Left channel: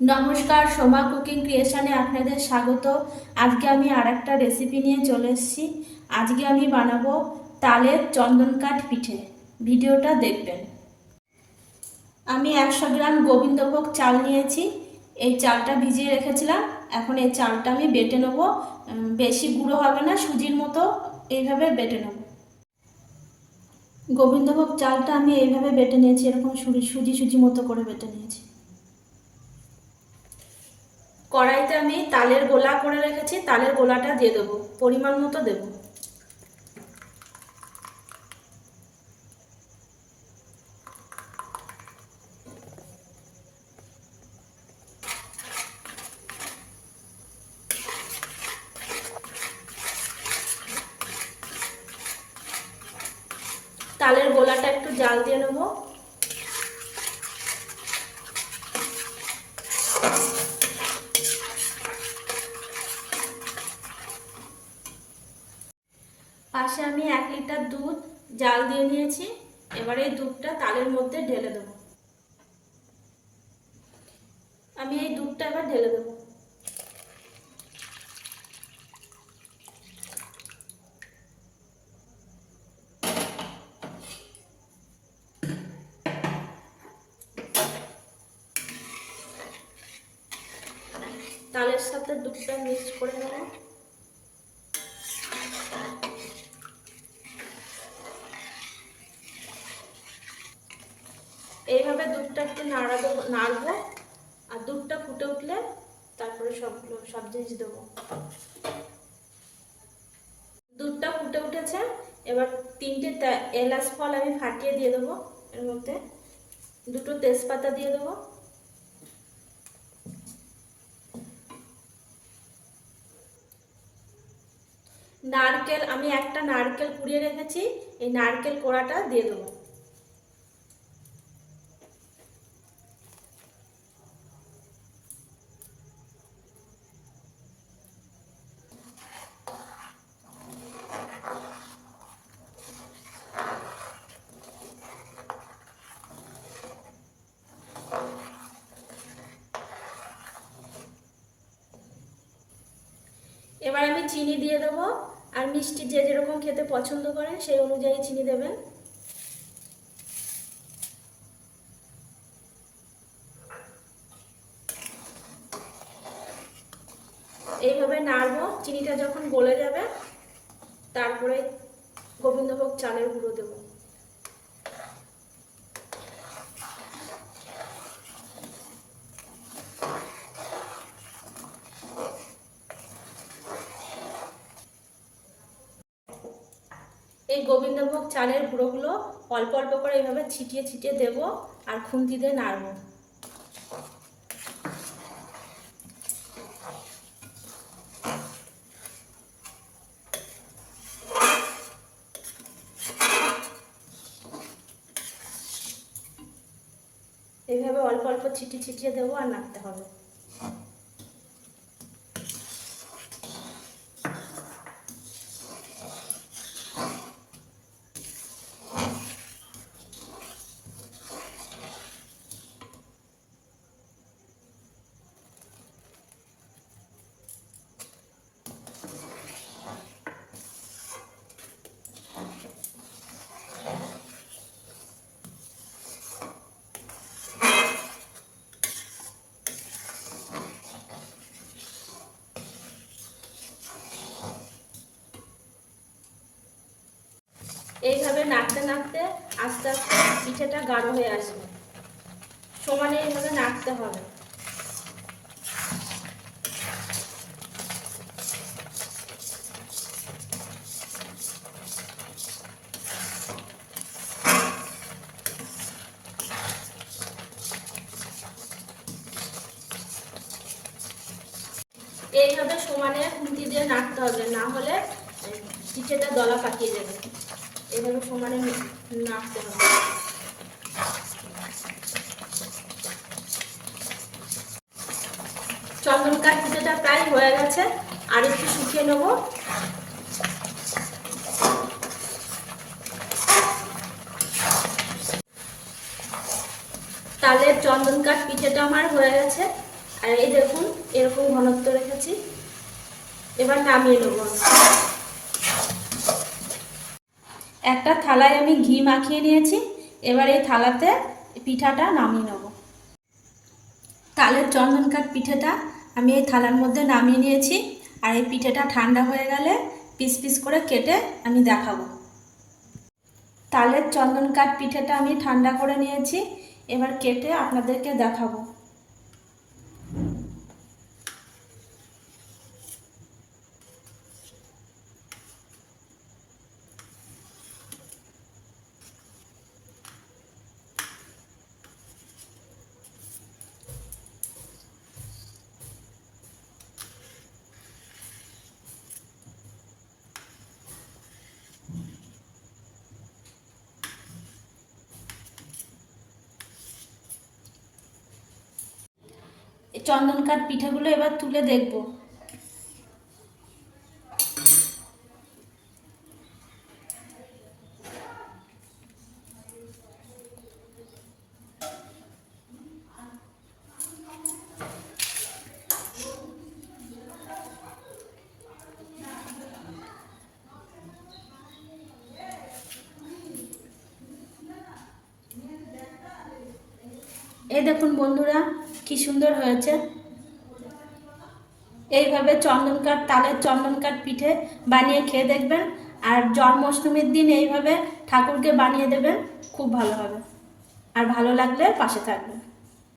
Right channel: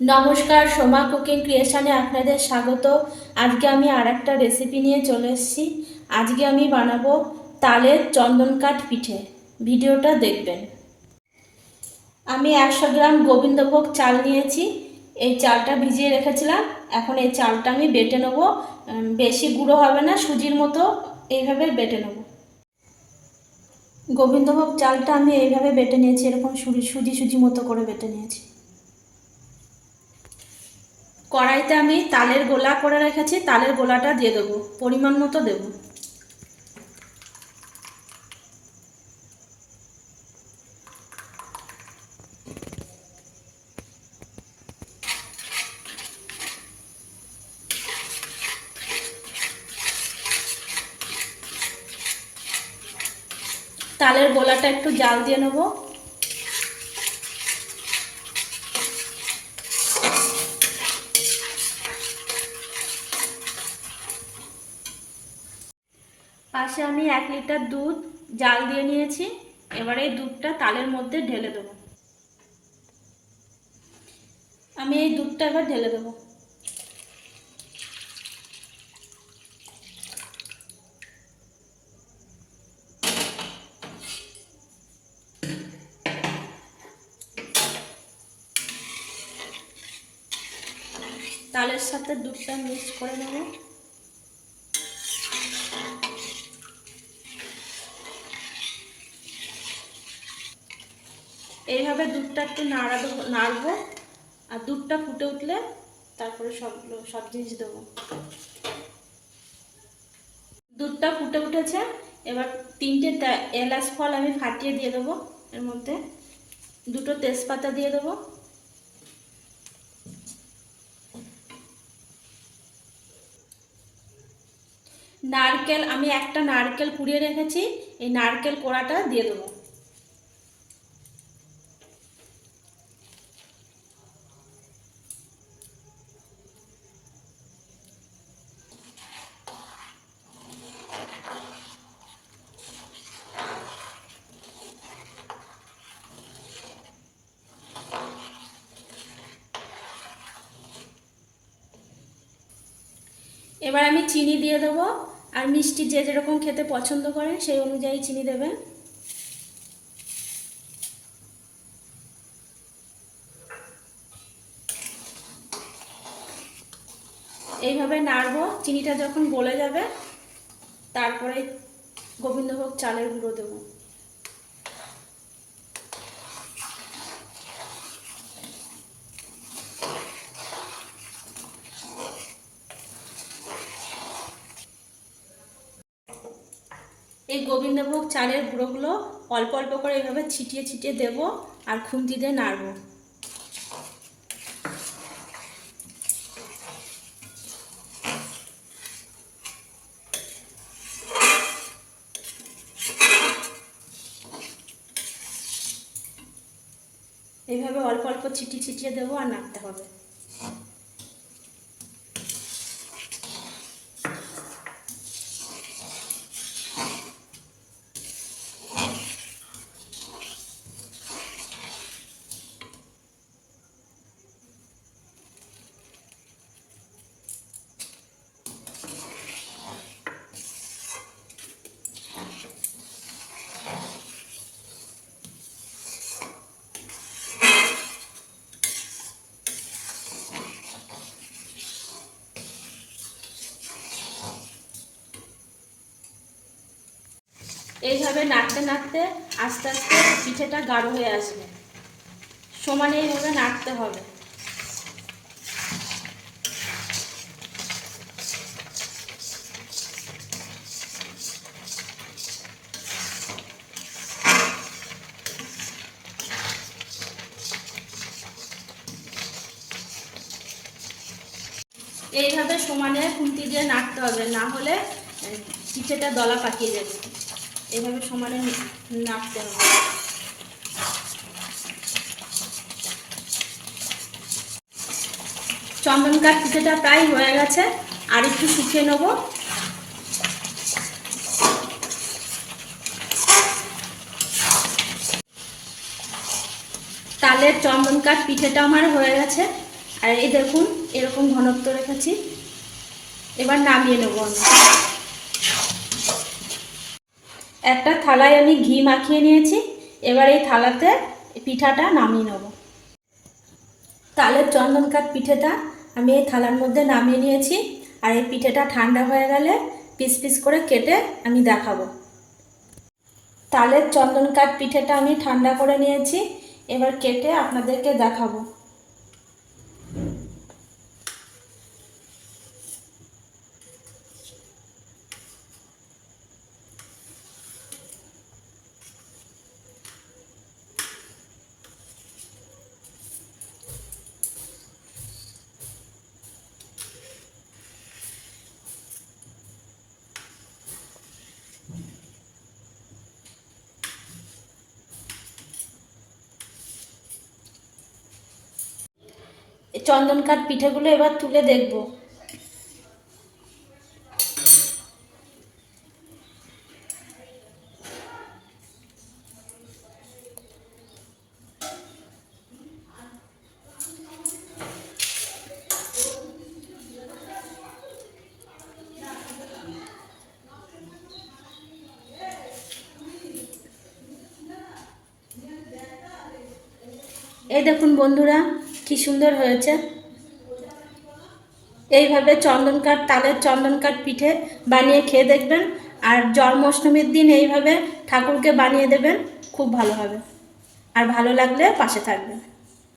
নমস্কার, সোমা কুকিং ক্রিয়েশনে আপনাদের স্বাগত। আজকে আমি আর একটা রেসিপি নিয়ে চলে এসেছি। আজকে আমি বানাবো তালের চন্দনকাঠ পিঠে। ভিডিওটা দেখবেন। আমি একশো গ্রাম গোবিন্দভোগ চাল নিয়েছি। এই চালটা ভিজিয়ে রেখেছিলাম। এখন এই চালটা আমি বেটে নেব। বেশি গুঁড়ো হবে না, সুজির মতো এইভাবে বেটে নেব। গোবিন্দভোগ চালটা আমি এইভাবে বেটে নিয়েছি, এরকম সুজি সুজি সুজি মতো করে বেটে নিয়েছি। কড়াইতে আমি তালের গোলা করে রেখেছি, তালের গোলাটা দিয়ে দেবো, পরিমাণ মতো দেবো। তালের গোলাটা একটু জাল দিয়ে নেব। পাশে আমি এক লিটার দুধ জাল দিয়ে নিয়েছি। এবারে এই দুধটা তালের মধ্যে ঢেলে দেবো। আমি এই দুধটা এবার ঢেলে দেবো। তালের সাথে দুধটা মিক্স করে নেব। এইভাবে দুধটা একটু নাড়া দেবো নাড়বো আর দুধটা ফুটে উঠলে তারপরে সবগুলো সব জিনিস দেবো। দুধটা ফুটে উঠেছে, এবার তিনটে এলাচ ফল আমি ফাটিয়ে দিয়ে দেবো এর মধ্যে। দুটো তেজপাতা দিয়ে দেবো। নারকেল, আমি একটা নারকেল কুড়িয়ে রেখেছি, এই নারকেল কোড়াটা দিয়ে দেবো। এবার আমি চিনি দিয়ে দেবো, আর মিষ্টি যে যেরকম খেতে পছন্দ করেন সেই অনুযায়ী চিনি দেবেন এইভাবে নাড়বো, চিনিটা যখন গলে যাবে, তারপরে গোবিন্দভোগ চালের গুঁড়ো দেবো। এই গোবিন্দভোগ চালের গুঁড়োগুলো অল্প অল্প করে এভাবে ছিটিয়ে ছিটিয়ে দেবো আর খুন্তি দিয়ে নাড়বো। এইভাবে অল্প অল্প ছিটিয়ে ছিটিয়ে দেবো আর নাড়তে হবে। এইভাবে নাড়তে নাড়তে আস্তে আস্তে পিঠেটা গাঢ় হয়ে আসবে। সমানে এইভাবে নাড়তে হবে। এইভাবে সমানে খুঁটি দিয়ে নাড়তে হবে, না হলে পিঠেটা দলা পাকিয়ে যাবে। এইভাবে সমানে নাড়তে হবে। চন্দন কাঠ পিঠেটা প্রায় হয়ে গেছে, আর একটু শুকিয়ে নেব। তালের চন্দন কাঠ পিঠেটা আমার হয়ে গেছে। আর এই দেখুন, এরকম ঘনত্ব রেখেছি। এবার নামিয়ে নেব একটা থালায় আমি ঘি মাখিয়ে নিয়েছি, এবার এই থালাতে পিঠাটা নামিয়ে নেব। তালের চন্দন কাঠ পিঠেটা আমি এই থালার মধ্যে নামিয়ে নিয়েছি, আর এই পিঠেটা ঠান্ডা হয়ে গেলে পিস পিস করে কেটে আমি দেখাবো। তালের চন্দন কাঠ পিঠেটা আমি ঠান্ডা করে নিয়েছি, এবার কেটে আপনাদেরকে দেখাবো। চন্দন কাঠ পিঠেগুলো এবার তুলে দেখব। এই দেখুন বন্ধুরা কি সুন্দর হয়েছে? এইভাবে চন্দন কাঠ, তালের চন্দন কাঠ পিঠে বানিয়ে খেয়ে দেখবেন। আর জন্মাষ্টমীর দিন এইভাবে ঠাকুরকে বানিয়ে দেবেন, খুব ভালো হবে। আর ভালো লাগলে পাশে থাকবেন।